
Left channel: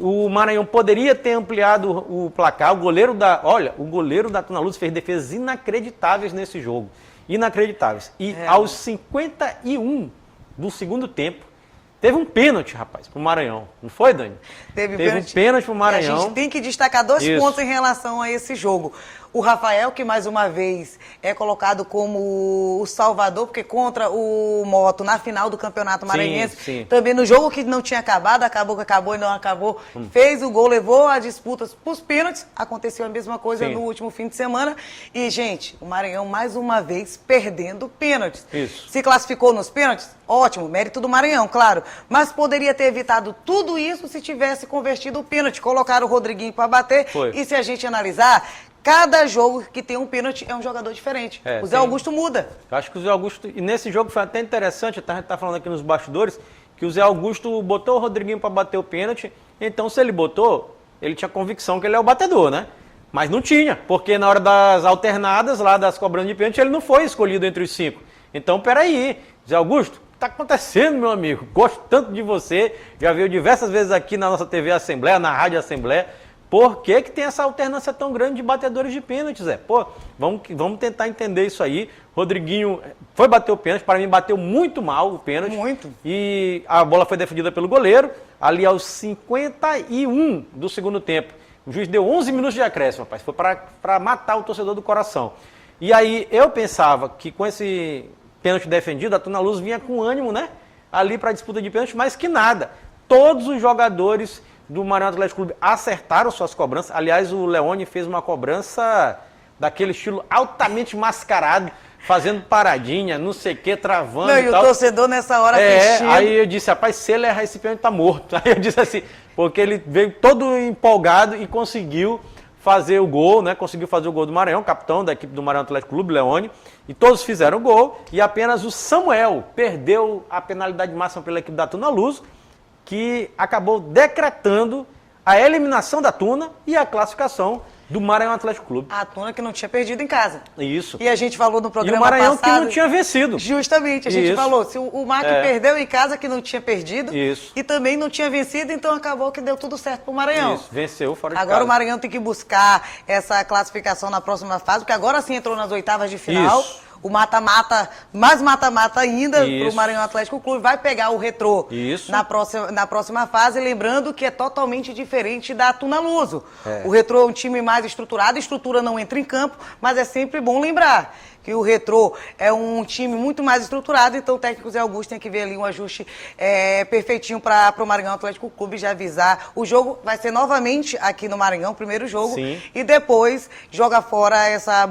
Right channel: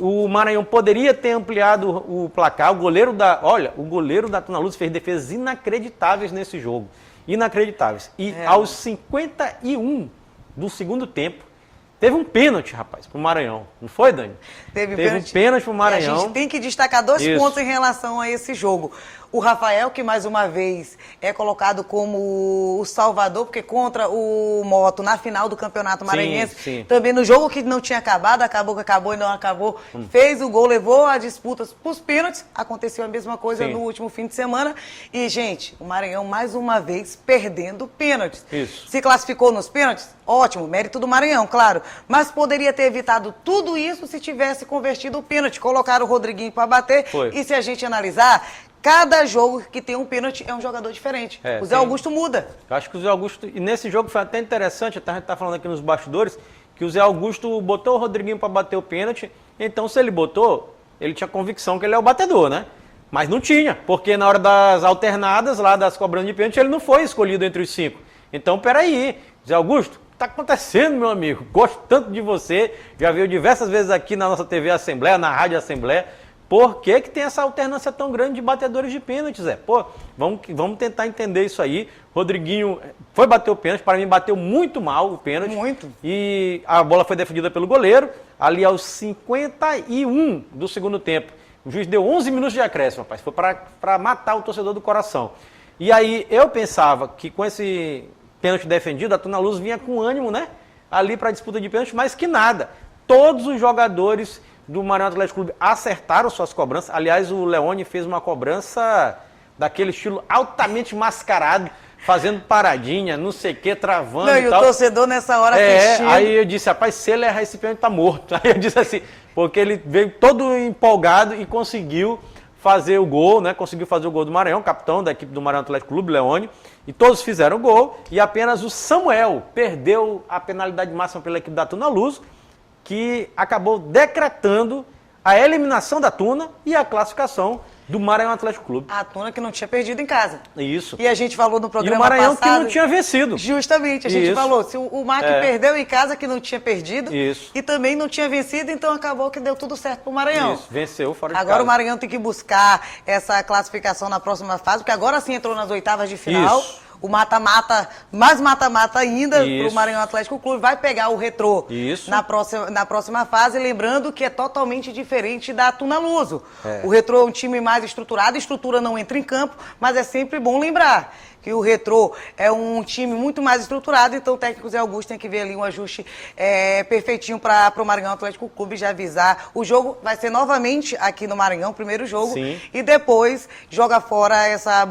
O Maranhão poderia ter ampliado o placar, o goleiro da Tunaluso fez defesas inacreditáveis nesse jogo. Inacreditáveis. E aos 51 do segundo tempo, teve um pênalti, rapaz, pro Maranhão. Não foi, Dani? Teve um pênalti pro Maranhão. A gente tem que destacar dois pontos em relação a esse jogo. O Rafael, que mais uma vez é colocado como o salvador, porque contra o Moto na final do Campeonato Maranhense, também no jogo que não tinha acabado, acabou e não acabou, fez o gol, levou a disputa para os pênaltis, aconteceu a mesma coisa no último fim de semana, e gente, o Maranhão mais uma vez perdendo pênaltis. Se classificou nos pênaltis? Ótimo, mérito do Maranhão, claro, mas poderia ter evitado tudo isso se tivesse convertido o pênalti, colocaram o Rodriguinho para bater, e se a gente analisar, cada jogo que tem um pênalti é um jogador diferente. O Zé Augusto muda. Eu acho que o Zé Augusto, e nesse jogo foi até interessante, a gente está falando aqui nos bastidores, que o Zé Augusto botou o Rodriguinho para bater o pênalti, então se ele botou, ele tinha convicção que ele é o batedor, né? Mas não tinha, porque na hora das alternadas, lá das cobranças de pênalti, ele não foi escolhido entre os 5. Então, peraí, Zé Augusto, o que está acontecendo, meu amigo? Gosto tanto de você, já veio diversas vezes aqui na nossa TV Assembleia, na Rádio Assembleia. Por que tem essa alternância tão grande de batedores de pênaltis, Zé? Pô, vamos tentar entender isso aí. Rodriguinho foi bater o pênalti, para mim bateu muito mal o pênalti. Muito. E a bola foi defendida pelo goleiro, ali aos 51 do segundo tempo. O juiz deu 11 minutos de acréscimo, rapaz. Foi para matar o torcedor do coração. E aí eu pensava que com esse pênalti defendido, a Tunaluso vinha com ânimo, né? Ali para a disputa de pênalti, mas que nada. Todos os jogadores do Maranhão Atlético Clube acertaram suas cobranças. Aliás, o Leone fez uma cobrança daquele estilo altamente mascarado, fazendo paradinha, não sei o que, travando e tal. O torcedor nessa hora aí eu disse, rapaz, se ele errar esse pênalti, tá morto. Aí eu disse assim, porque ele veio todo empolgado e conseguiu fazer o gol, né? Conseguiu fazer o gol do Maranhão, capitão da equipe do Maranhão Atlético Clube, Leone, e todos fizeram o gol, e apenas o Samuel perdeu a penalidade máxima pela equipe da Tunaluso, que acabou decretando a eliminação da Tuna e a classificação do Maranhão Atlético Clube. A Tuna que não tinha perdido em casa. Isso. E a gente falou no E programa o Maranhão passado... que não tinha vencido. Justamente, a gente Isso. falou, se o MAC perdeu em casa, que não tinha perdido, Isso. e também não tinha vencido, então acabou que deu tudo certo pro Maranhão. Isso, venceu fora de Agora casa. o Maranhão tem que buscar essa classificação na próxima fase, porque agora sim entrou nas oitavas de final. Isso. O mata-mata, mais mata-mata ainda Isso. pro Maranhão Atlético Clube, vai pegar o Retrô Isso. na próxima fase, lembrando que é totalmente diferente da Tuna Luso. É. O Retrô é um time mais estruturado, a estrutura não entra em campo, mas é sempre bom lembrar que o Retrô é um time muito mais estruturado, então o técnico Zé Augusto tem que ver ali um ajuste perfeitinho para o Maranhão Atlético Clube, já avisar. O jogo vai ser novamente aqui no Maranhão, primeiro jogo, Sim. e depois joga fora essa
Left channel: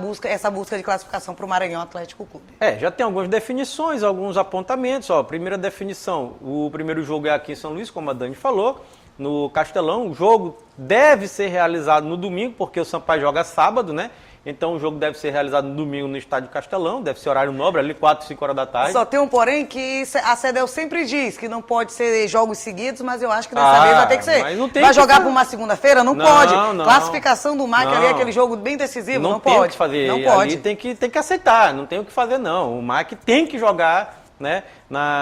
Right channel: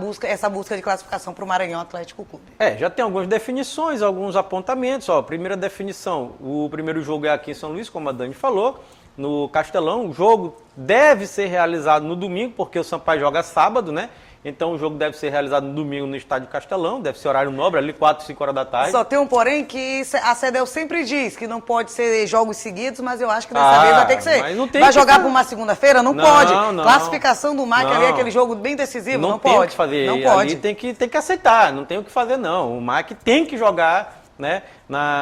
busca de classificação para o Maranhão Atlético Clube. Já tem algumas definições, alguns apontamentos. Ó, primeira definição, o primeiro jogo é aqui em São Luís, como a Dani falou, no Castelão. O jogo deve ser realizado no domingo, porque o Sampaio joga sábado, né? Então o jogo deve ser realizado no domingo no estádio Castelão, deve ser horário nobre, ali 4, 5 horas da tarde. Só tem um porém que a CEDEL sempre diz que não pode ser jogos seguidos, mas eu acho que dessa vez vai ter que ser. mas não tem Vai que jogar ser. por uma segunda-feira? Não, Não, pode. não. Classificação do MAC ali, Não. aquele jogo bem decisivo, não tem pode. o que fazer. Não Ali pode. tem que aceitar, não tem o que fazer não. O MAC tem que jogar, né,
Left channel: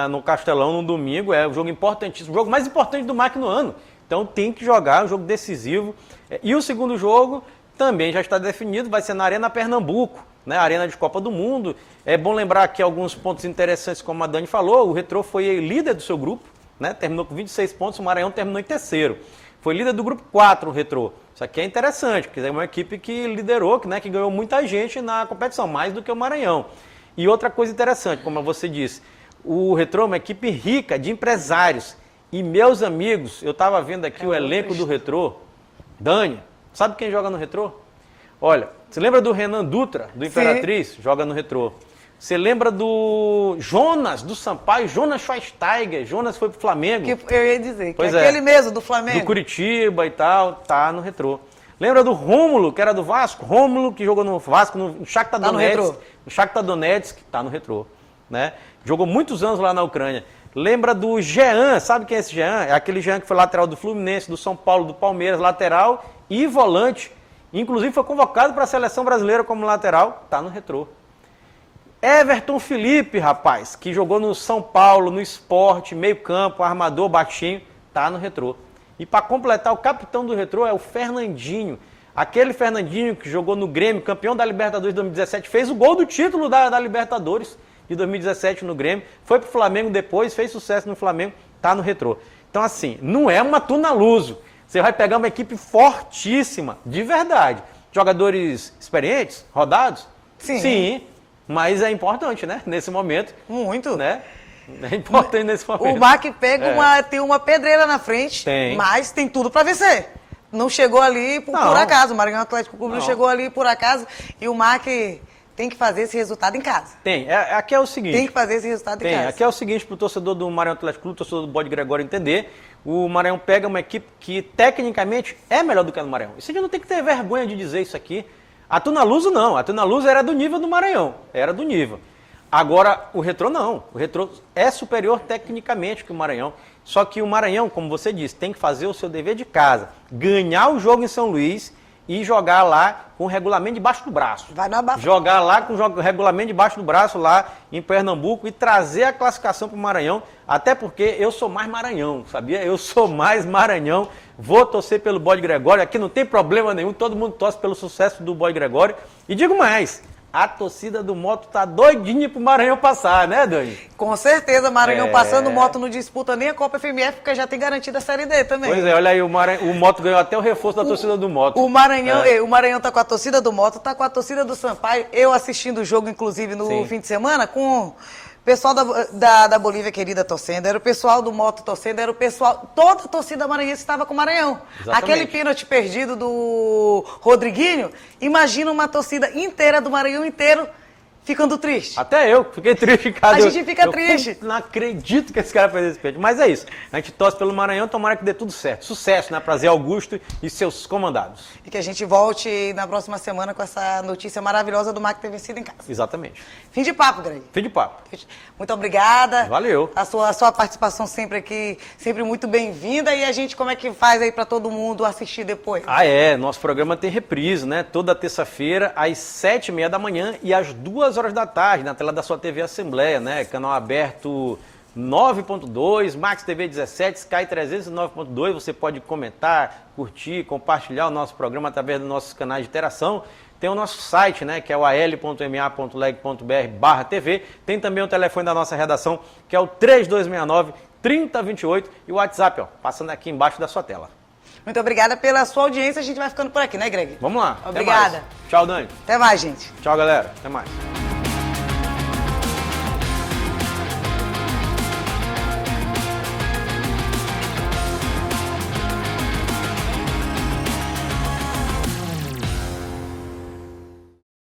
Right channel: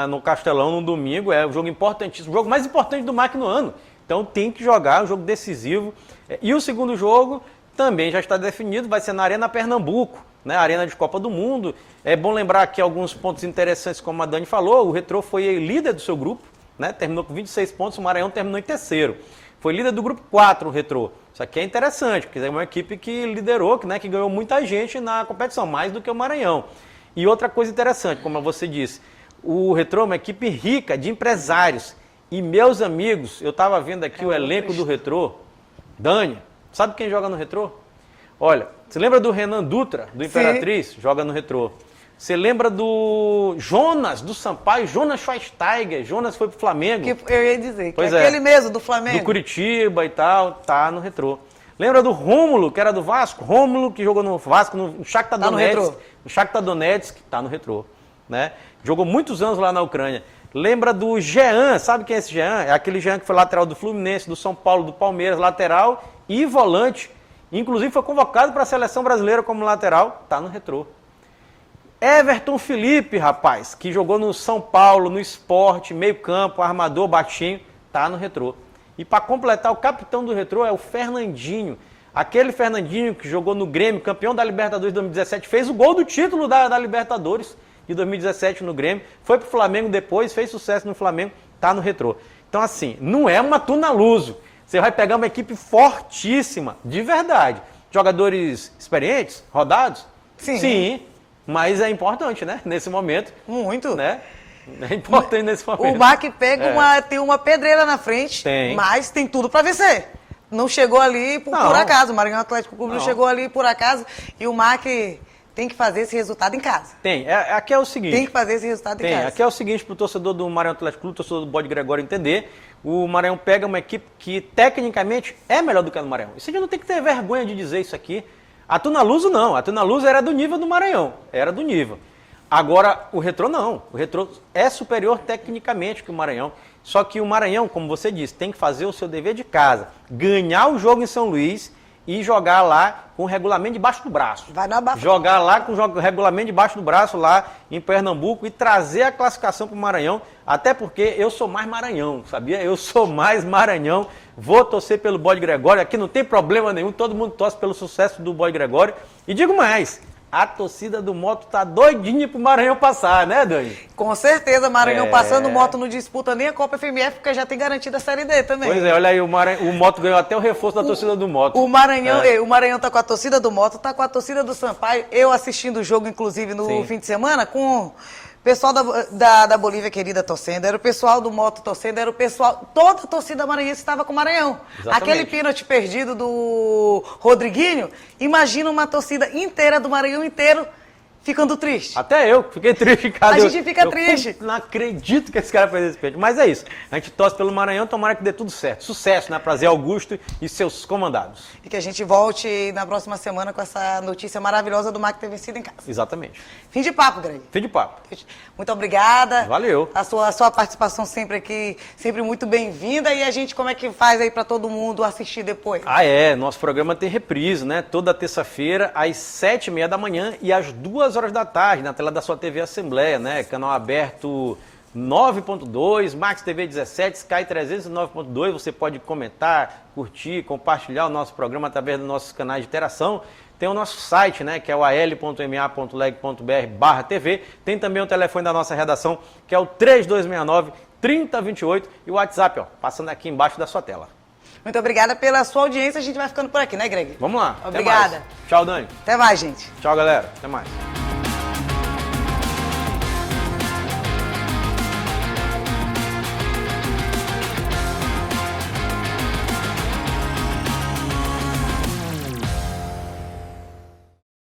no Castelão no domingo, é o jogo importantíssimo, o jogo mais importante do MAC no ano. Então tem que jogar, um jogo decisivo. E o segundo jogo também já está definido, vai ser na Arena Pernambuco, né, Arena de Copa do Mundo. É bom lembrar aqui alguns pontos interessantes, como a Dani falou, o Retrô foi líder do seu grupo, né, terminou com 26 pontos, o Maranhão terminou em terceiro. Foi líder do grupo 4, o Retrô. Isso aqui é interessante, porque é uma equipe que liderou, né, que ganhou muita gente na competição, mais do que o Maranhão. E outra coisa interessante, como você disse, o Retrô é uma equipe rica de empresários. E meus amigos, eu estava vendo aqui o elenco do Retrô, Dani, sabe quem joga no Retrô? Olha, você lembra do Renan Dutra, do Imperatriz? Joga no Retrô. Você lembra do Jonas, do Sampaio, Jonas Schweinsteiger, Jonas foi pro Flamengo. Que eu ia dizer, que Pois é é. aquele mesmo do Flamengo. Do Curitiba e tal, tá no Retrô. Lembra do Rômulo, que era do Vasco? Rômulo, que jogou no Vasco, no Shakhtar Tá no Donetsk. Retrô. No Shakhtar Donetsk, tá no Retrô. Né? Jogou muitos anos lá na Ucrânia. Lembra do Jean, sabe quem é esse Jean? É aquele Jean que foi lateral do Fluminense, do São Paulo, do Palmeiras, lateral e volante. Inclusive foi convocado para a seleção brasileira como lateral, tá no Retrô. Everton Felipe, rapaz, que jogou no São Paulo, no Sport, meio campo, armador, baixinho, tá no Retrô. E para completar, o capitão do Retrô é o Fernandinho. Aquele Fernandinho que jogou no Grêmio, campeão da Libertadores de 2017, fez o gol do título da Libertadores de 2017 no Grêmio, foi pro Flamengo depois, fez sucesso no Flamengo, tá no Retrô. Então assim, não é uma Tuna Luso. Você vai pegar uma equipe fortíssima, de verdade. Jogadores experientes, rodados? Sim. Sim, mas é importante, né? Nesse momento. Muito. Né? É importante nesse momento. O MAC tem uma pedreira na frente, Tem. mas tem tudo para vencer. Não chegou ali por Não. acaso. O Maranhão Atlético Clube não Não. chegou ali por acaso. E o MAC tem que fazer esse resultado em casa. Tem. Aqui é o seguinte. Tem que fazer esse resultado em Tem. casa. Aqui é o seguinte, para o torcedor do Maranhão Atlético Clube, torcedor do Bode Gregório entender, o Maranhão pega uma equipe que tecnicamente é melhor do que a do Maranhão. Isso a gente não tem que ter vergonha de dizer isso aqui. A Tuna Luso não. A Tuna Luso era do nível do Maranhão. Era do nível. Agora, o Retrô não. O Retrô é superior tecnicamente que o Maranhão. Só que o Maranhão, como você disse, tem que fazer o seu dever de casa. Ganhar o jogo em São Luís e jogar lá com o regulamento debaixo do braço. Vai dar abafado. Jogar lá com o regulamento debaixo do braço lá em Pernambuco e trazer a classificação para o Maranhão. Até porque eu sou mais Maranhão, sabia? Eu sou mais Maranhão. Vou torcer pelo Bode Gregório. Aqui não tem problema nenhum. Todo mundo torce pelo sucesso do Bode Gregório. E digo mais. A torcida do Moto tá doidinha pro Maranhão passar, né, Dani? Com certeza, Maranhão É. passando, o Moto não disputa nem a Copa FMF, porque já tem garantido a Série D também. Pois é, olha aí, o Moto ganhou até o reforço da torcida do Moto. O Maranhão tá com a torcida do Moto, tá com a torcida do Sampaio. Eu assistindo o jogo, inclusive, no Sim. fim de semana, com o pessoal da Bolívia querida torcendo, era o pessoal do Moto torcendo, era o pessoal... Toda a torcida maranhense estava com o Maranhão. Exatamente. Aquele pênalti perdido do Rodriguinho, imagina uma torcida inteira do Maranhão inteiro ficando tristes. Até eu fiquei triste, cara. A gente fica triste. Não acredito que esse cara fez esse pênalti. Mas é isso. A gente torce pelo Maranhão, tomara que dê tudo certo. Sucesso, né? Pra Zé Augusto e seus comandados. E que a gente volte na próxima semana com essa notícia maravilhosa do Mac ter vencido em casa. Exatamente. Fim de papo, Greg. Fim de papo. Muito obrigada. Valeu. A sua participação sempre aqui, sempre muito bem-vinda. E a gente, como é que faz aí pra todo mundo assistir depois? Ah, é. Nosso programa tem reprise, né? Toda terça-feira, às 7h30 da manhã e às 2h da tarde, na tela da sua TV Assembleia, né? Canal aberto 9.2, Max TV 17, Sky 309.2. Você pode comentar, curtir, compartilhar o nosso programa através dos nossos canais de interação. Tem o nosso site, né, que é o al.ma.leg.br/TV. Tem também o telefone da nossa redação, que é o 3269-3028. E o WhatsApp, ó, passando aqui embaixo da sua tela. Muito obrigada pela sua audiência. A gente vai ficando por aqui, né, Greg? Vamos lá. Obrigada. Até mais. Tchau, Dani. Até mais, gente. Tchau, galera. Até mais.